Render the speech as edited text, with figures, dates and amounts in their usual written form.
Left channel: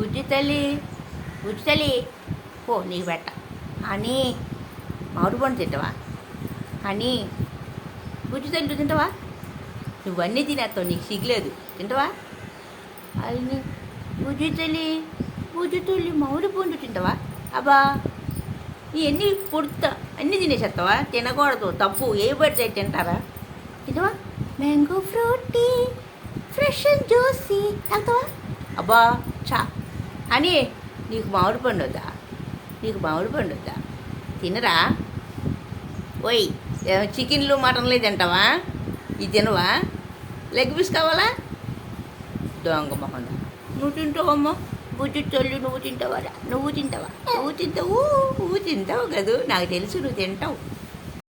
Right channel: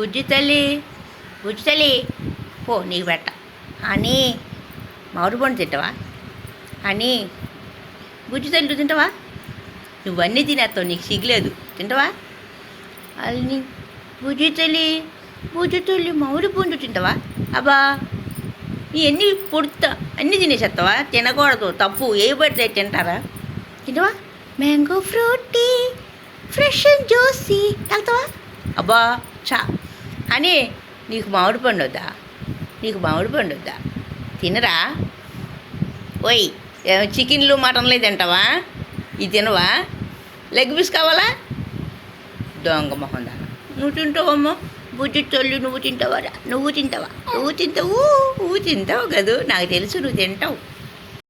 బుజ్జి తల్లి, బుజ్జి తల్లి, పో నీకు పెట్ట. అని మామిడి పండు తింటావా? అని బుజ్జి తల్లి నువ్వు తింటావా? నువ్వన్నీ తినేస్తావు, నీకు సిగ్గులేదు. తింటావా? అని బుజ్జి తల్లి, బుజ్జి తల్లి మామిడి పండు తింటావా? అబ్బా ఇవన్నీ పొడుతా అన్నీ తినేసేస్తావా? తినకూడదు, తప్పు. ఏ పడితే తింటారా? తింటావా? Mango Frooti fresh and juicy వెళ్తావా? అబ్బా చా. అని నీకు మామిడి పండు వద్దా? నీకు మామిడి పండు వద్దా? తినరా? ఓయ్ చికెన్లు మటన్లు తింటావా? ఇది తినవా? లెగ్ పీస్ కావాలా? దొంగ మొహం దాన. నువ్వు తింటావమ్మా? బుజ్జి తల్లి నువ్వు తింటావా? నువ్వు తింటావా? నువ్వు తింటావు, నువ్వు తింటావు కదూ, నాకు తెలుసు నువ్వు తింటావు.